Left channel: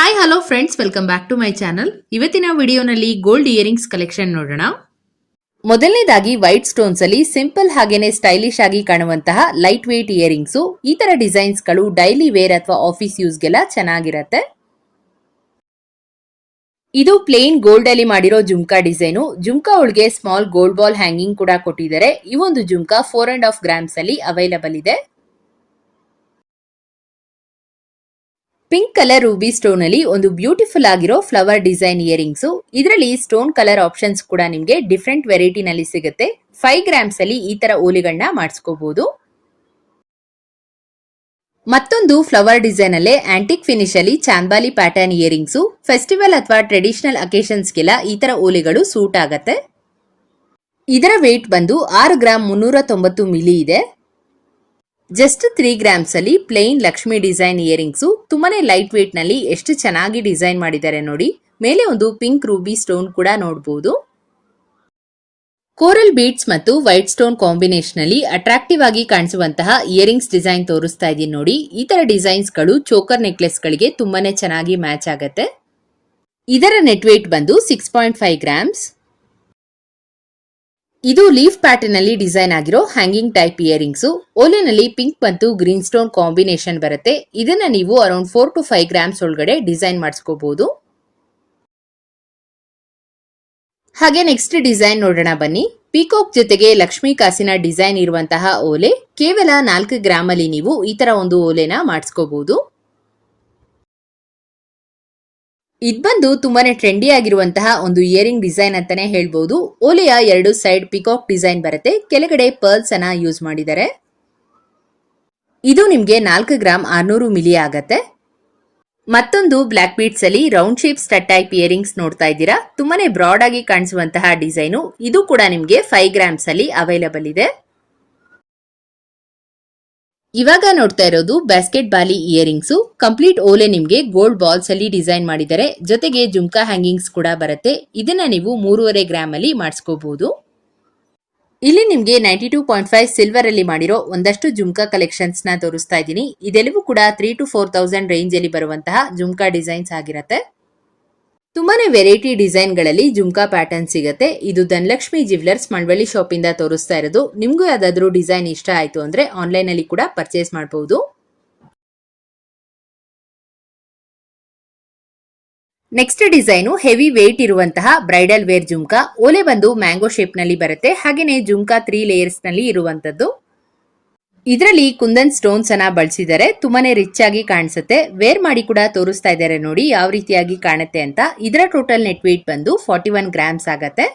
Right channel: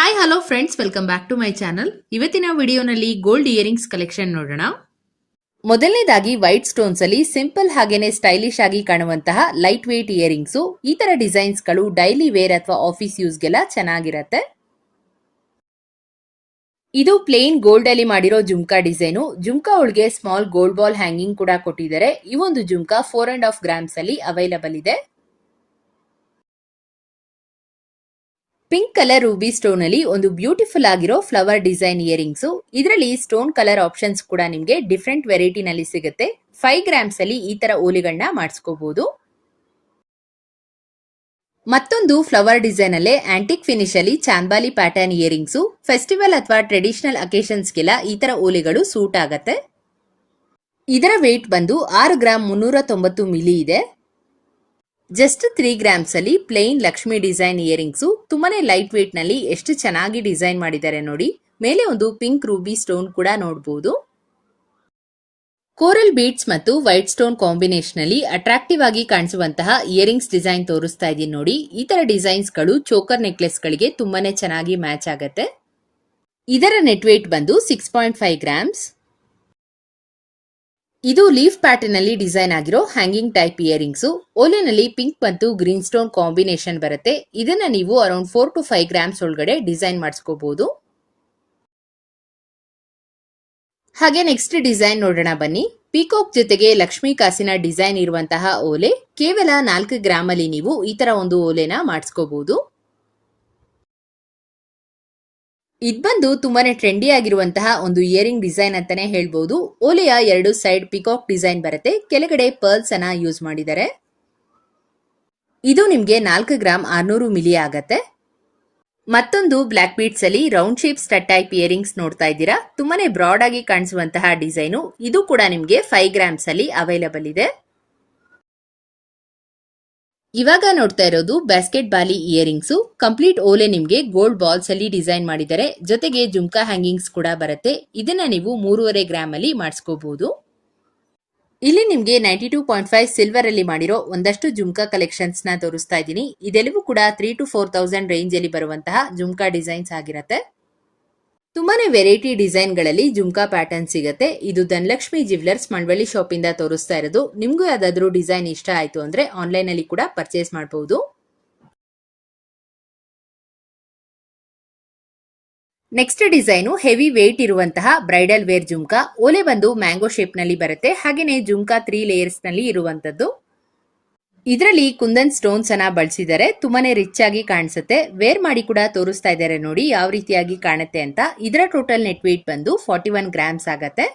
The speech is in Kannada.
Hi hello friends welcome back to my channel ಇವತ್ತಿನ ವಿಡಿಯೋನಲ್ಲಿ ಗೋಲ್ಡ್ ಇಯರಿಂಗ್ಸ್ ಕಲೆಕ್ಷನ್ ನೋಡೋಣ. ಮೊದಲನೇದಾಗಿ ವೈಟ್ ಸ್ಟೋನ್ಸ್ ಅಲ್ಲಿ ಸಿಂಪಲ್ ಹಾಗೇನೆ ಸ್ಟೈಲಿಶ್ ಆಗಿ ಕಾಣುವಂತಹ ಲೈಟ್ ವೇಟ್ ಇಯರಿಂಗ್ಸ್ ಈ ತರ ಡಿಸೈನ್ಸ್ಗಳು ಡೈಲಿ ವೇರ್ ಅಥವಾ ಆಫೀಸ್ ಯೂಸ್ಗೆಲ್ಲ ಚೆನ್ನಾಗಿರತ್ತೆ. ಇದು ಪ್ಲೇನ್ ಗೋಲ್ಡ್ ಅಲ್ಲಿ ಮಾಡಿರೋ ಜುಮ್ಕಾ ಡಿಸೈನು ಜುಮ್ಕಾ ಒಳಗೆ ಸ್ಮಾಲ್ ಗೋಲ್ಡ್ ಬಾಲ್ ಹ್ಯಾಂಗಿಂಗ್ ಕೂಡ ಕೊಟ್ಟಿದ್ದಾರೆ. ಈ ಒಂದು jhumka four and half grams ಅಲ್ಲಿ ಅವೈಲಬಲ್ ಇದೆ. ಪಿಂಕ್ ಕಲರ್ ರೂಬಿ ಸ್ಟೋನ್ ಅಲ್ಲಿ ಒಂದು ಬ್ಯೂಟಿಫುಲ್ ಆಗಿರೋ ಫ್ಲವರ್ ಡಿಸೈನ್ ಇಯರಿಂಗ್ಸ್. ಇದರಲ್ಲಿ ಸ್ಟೋನ್ ಕಲರ್ ಆಪ್ಷನ್ಸ್ ಕೂಡ ನಿಮಗೆ ಡಿಫ್ರೆಂಟ್ ವೆರೈಟಿ ನಲ್ಲಿ ಸಿಗುತ್ತೆ. ಫೈವ್ ಗ್ರಾಮ್ಸ್ ಅಲ್ಲಿ ಈ ತರ ಓಲಿಗಳನ್ನ ಮಾಡಿಸ್ಕೋಬಹುದು ಮತ್ತೊಂದು ಫ್ಲವರ್ ಡಿಸೈನ್ ಅಲ್ಲೇ ಆಂಟಿಕ್ ಫಿನಿಶ್ ಅಲ್ಲಿ ಚಾಂಬಾಲಿ ಪ್ಯಾಟರ್ನ್ ಇಯರಿಂಗ್ಸ್. ಫೆಸ್ಟಿವಲ್ ಅಥವಾ ಟ್ರೆಡಿಷನಲ್ ಅಕೇಶನ್ಸ್ಗೆಲ್ಲ ಈ ತರ ಓಲಿಗಳು ಸೂಟ್ ಆಗತ್ತೆ. ಇದರ ವೇಟ್ ಬಂದು ಆರು ಗ್ರಾಮ್ ಮುನ್ನೂರ ತೊಂಬತ್ತು ಮಿಲಿ ಇದೆ. ಜಸ್ಟ್ ತ್ರೀ ಗ್ರಾಮ್ಸ್ ಅಲ್ಲಿ ಪ್ಲೇನ್ ಲಕ್ಷ್ಮಿ ಡಿಸೈನ್ ಇಯರಿಂಗ್ಸ್ ತುಂಬಾನೇ ಲೈಟ್ ವೇಟ್ನಲ್ಲಿ ಎಷ್ಟು ಚೆನ್ನಾಗಿ ಡಿಸೈನ್ ಮಾಡಿದ್ದಾರೆ ನೋಡಿ. ಮೇಲೆ ಒಂದು ಪಿಂಕ್ ರೂಬಿ ಸ್ಟೋನ್ ಕೂಡ ನೋಡಬಹುದು ಕೋರಲ್ ಬೀಟ್ಸ್ ಮತ್ತು ವೈಟ್ ಸ್ಟೋನ್ ಕಾಂಬಿನೇಷನ್ ಅಲ್ಲಿ ಅಟ್ರಾಕ್ಟಿವ್ ಆಗಿ ಕಾಣಿಸುವಂತಹ ಇಯರಿಂಗ್ಸ್ ಡಿಸೈನ್ ತೋರಿಸ್ತಾ ಇದೀನಿ ನೋಡಿ. ಈ ತರ ಡಿಸೈನ್ಸ್ಗಳು ಚೋಕರ್ ನೆಕ್ಲೆಸ್ ಗಳಿಗೆ ತುಂಬಾನೇ ಚೆನ್ನಾಗಿ ಮ್ಯಾಚ್ ಆಗತ್ತೆ. ಇದರ ನೆಟ್ ವೇಟ್ ಬಂದು ಸಿಕ್ಸ್ ಪಾಯಿಂಟ್ ಫೈವ್ ಗ್ರಾಮ್ಸ್ ಇದು ಲೀಫ್ ಪ್ಯಾಟರ್ನ್ ಅಲ್ಲಿ ಡಿಸೈನ್ ಆಗಿರೋ ಹ್ಯಾಂಗಿಂಗ್ ಟೈಪ್ ಇಯರಿಂಗ್ಸ್. ಓಲೆನಲ್ಲಿ ಪಿಂಕ್ ಮತ್ತು ಗ್ರೀನ್ ಸ್ಟೋನ್ ಕಾಂಬಿನೇಷನ್ ಬರುತ್ತೆ. ಇದನ್ನ ನೀವು around four to five grams ಒಳಗಡೆ ಡಿಸೈನ್ ಮಾಡಿಸ್ಕೋಬಹುದು ಹಾಗೆ ನೆಕ್ಸ್ಟ್ ಡಿಸೈನ್ ನೋಡೋಣ ಬನ್ನಿ. ಪೀಕಾಕ್ ಜೊತೆಗೆ ಲಕ್ಷ್ಮೀ ಕಾಸಿನ ಡಿಸೈನ್ ಇರುವಂತಹ ಓಲೆ ಕೇವಲ ನಾಲ್ಕು ಗ್ರಾಮ್ ಅಲ್ಲಿ ನೀವು ಈ ತರ ಒಂದು ಓಲೆನ ಮಾಡಿಸ್ಕೋಬಹುದು ಇದ್ ಬಂದು ತುಂಬಾನೇ ಟ್ರೆಂಡಿ ಆಗಿರುವಂತಹ ಒಂದು ಇಯರಿಂಗ್ ಡಿಸೈನ್ ಅಂತಾನೆ ಹೇಳ್ಬೋದು. ಓಲೆಯ ಎರಡು ಸೈಡ್ ಪಿಕಾಕ್ ಡಿಸೈನ್ ಬರುತ್ತೆ. ಕೆಳಗಡೆ ಪರ್ಲ್ಸ್ ಅನ್ನ ಯೂಸ್ ಮಾಡಿದ್ದಾರೆ. ಇದು ನಿಮ್ಗೆ ನಾಲ್ಕು ಗ್ರಾಮ್ ಆರ್ನೂರು ಮಿಲಿ ಆಗತ್ತೆ. ಮತ್ತೊಂದು ಬ್ಲಾಕ್ ಬೀಟ್ಸ್ ಅಲ್ಲಿ round shape stud type earrings ನೋಡ್ತಾ ಇದ್ದೀರಾ. ತುಂಬಾನೇ ಬ್ರಾಡ್ ಆಗಿ ಕಾಣಿಸುವಂತಹ ಡಿಸೈನು ಇದು ಕೂಡ ನಿಮ್ಗೆ ಫೈವ್ ಗ್ರಾಮ್ಸ್ ಅಲ್ಲಿ ಅವೈಲಬಲ್ ಇದೆ. ಇವಾಗ ನೋಡ್ತಾ ಇರೋದು ಬ್ಯಾಸ್ಕೆಟ್ ಬಾಲಿ ಇಯರಿಂಗ್ಸ್ ಕಂಪ್ಲೀಟ್ ಓಲೆ ನಿಮಗೆ ಗೋಲ್ಡ್ ಬಾಲ್ಸ್ ಅಲ್ಲಿ ಡಿಸೈನ್ ಮಾಡಿದ್ದಾರೆ ಜೊತೆಗೆ ಜುಮ್ಕಾ ಹ್ಯಾಂಗಿಂಗ್ಸ್ ಕೂಡ ಬರುತ್ತೆ. ಇದನ್ನ ನೀವು ಮೂರುವರೆ ಗ್ರಾಮ್ ಅಲ್ಲಿ ಮಾಡಿಸ್ಕೋಬಹುದು ಇಲ್ಲಿ ನಿಮ್ಗೆ ninety two point five silver ಅಲ್ಲಿ ಮಾಡಿರೋ ಒಂದಷ್ಟು ಜುಮ್ಕಾ ಕಲೆಕ್ಷನ್ಸ್ನ ತೋರಿಸ್ತಾ ಇದ್ದೀನಿ. ಇದೆಲ್ಲವೂ ಕೂಡ three to four thousand range ಅಲ್ಲಿ ಬರುವಂತಹ ಜುಮ್ಕಾ ಡಿಸೈನ್ಸ್ ಆಗಿರುತ್ತೆ. ತುಂಬಾನೇ ವೆರೈಟಿ ಡಿಸೈನ್ಗಳಲ್ಲಿ ಜುಮ್ಕಾ ಪ್ಯಾಟರ್ನ್ ಸಿಗುತ್ತೆ. ಇದು ಧನಲಕ್ಷ್ಮಿ ಜ್ಯುವೆಲರ್ಸ್ ಮಂಡವಳ್ಳಿ ಶಾಪ್ ಇಂದ ತೋರಿಸ್ತಾ ಇರೋದು. ನಿಮಗೂ ಯಾವ್ದಾದ್ರು ಡಿಸೈನ್ ಇಷ್ಟ ಆಯ್ತು ಅಂದ್ರೆ ಆನ್ಲೈನ್ ಅಲ್ಲಿ ಕೂಡ ಪರ್ಚೇಸ್ ಮಾಡಬಹುದು ನೆಕ್ಸ್ಟ್ ಡಿಸೈನು ಹೆವಿ ವೇಟ್ ಇರುವಂತಹ ಬ್ರೈಡಲ್ ವೇರ್ ಜುಮ್ಕಾ. ಓಲೆ ಬಂದು ಮ್ಯಾಂಗೋ ಶೇಪ್ನಲ್ಲಿ ಬರುತ್ತೆ. ಹಾಗೆಯೇ ಜುಮ್ಕಾ ತ್ರೀ ಲೇಯರ್ಸ್ನಲ್ಲಿ ಇರುವಂತದ್ದು ಇದರಲ್ಲಿ ಕುಂದನ್ ಸ್ಟೋನ್ಸ್ ಅನ್ನ ಬಳಸಿದ್ದಾರೆ ತುಂಬಾನೇ ರಿಚ್ ಆಗಿ ಕಾಣಿಸುತ್ತೆ. ವೇರ್ ಮಾಡಿ ಕೂಡ ತೋರಿಸ್ತಾ ಇದ್ದಾರೆ ನೋಡಿ, ಯಾವ ರೀತಿಯಾಗಿ ಕಾಣುತ್ತೆ ಅಂತ. ಇದರ ಟೋಟಲ್ ನೆಟ್ ವೇಟ್ ಬಂದು ಫಾರ್ಟಿ ಒನ್ ಗ್ರಾಮ್ಸ್ ಆಗತ್ತೆ.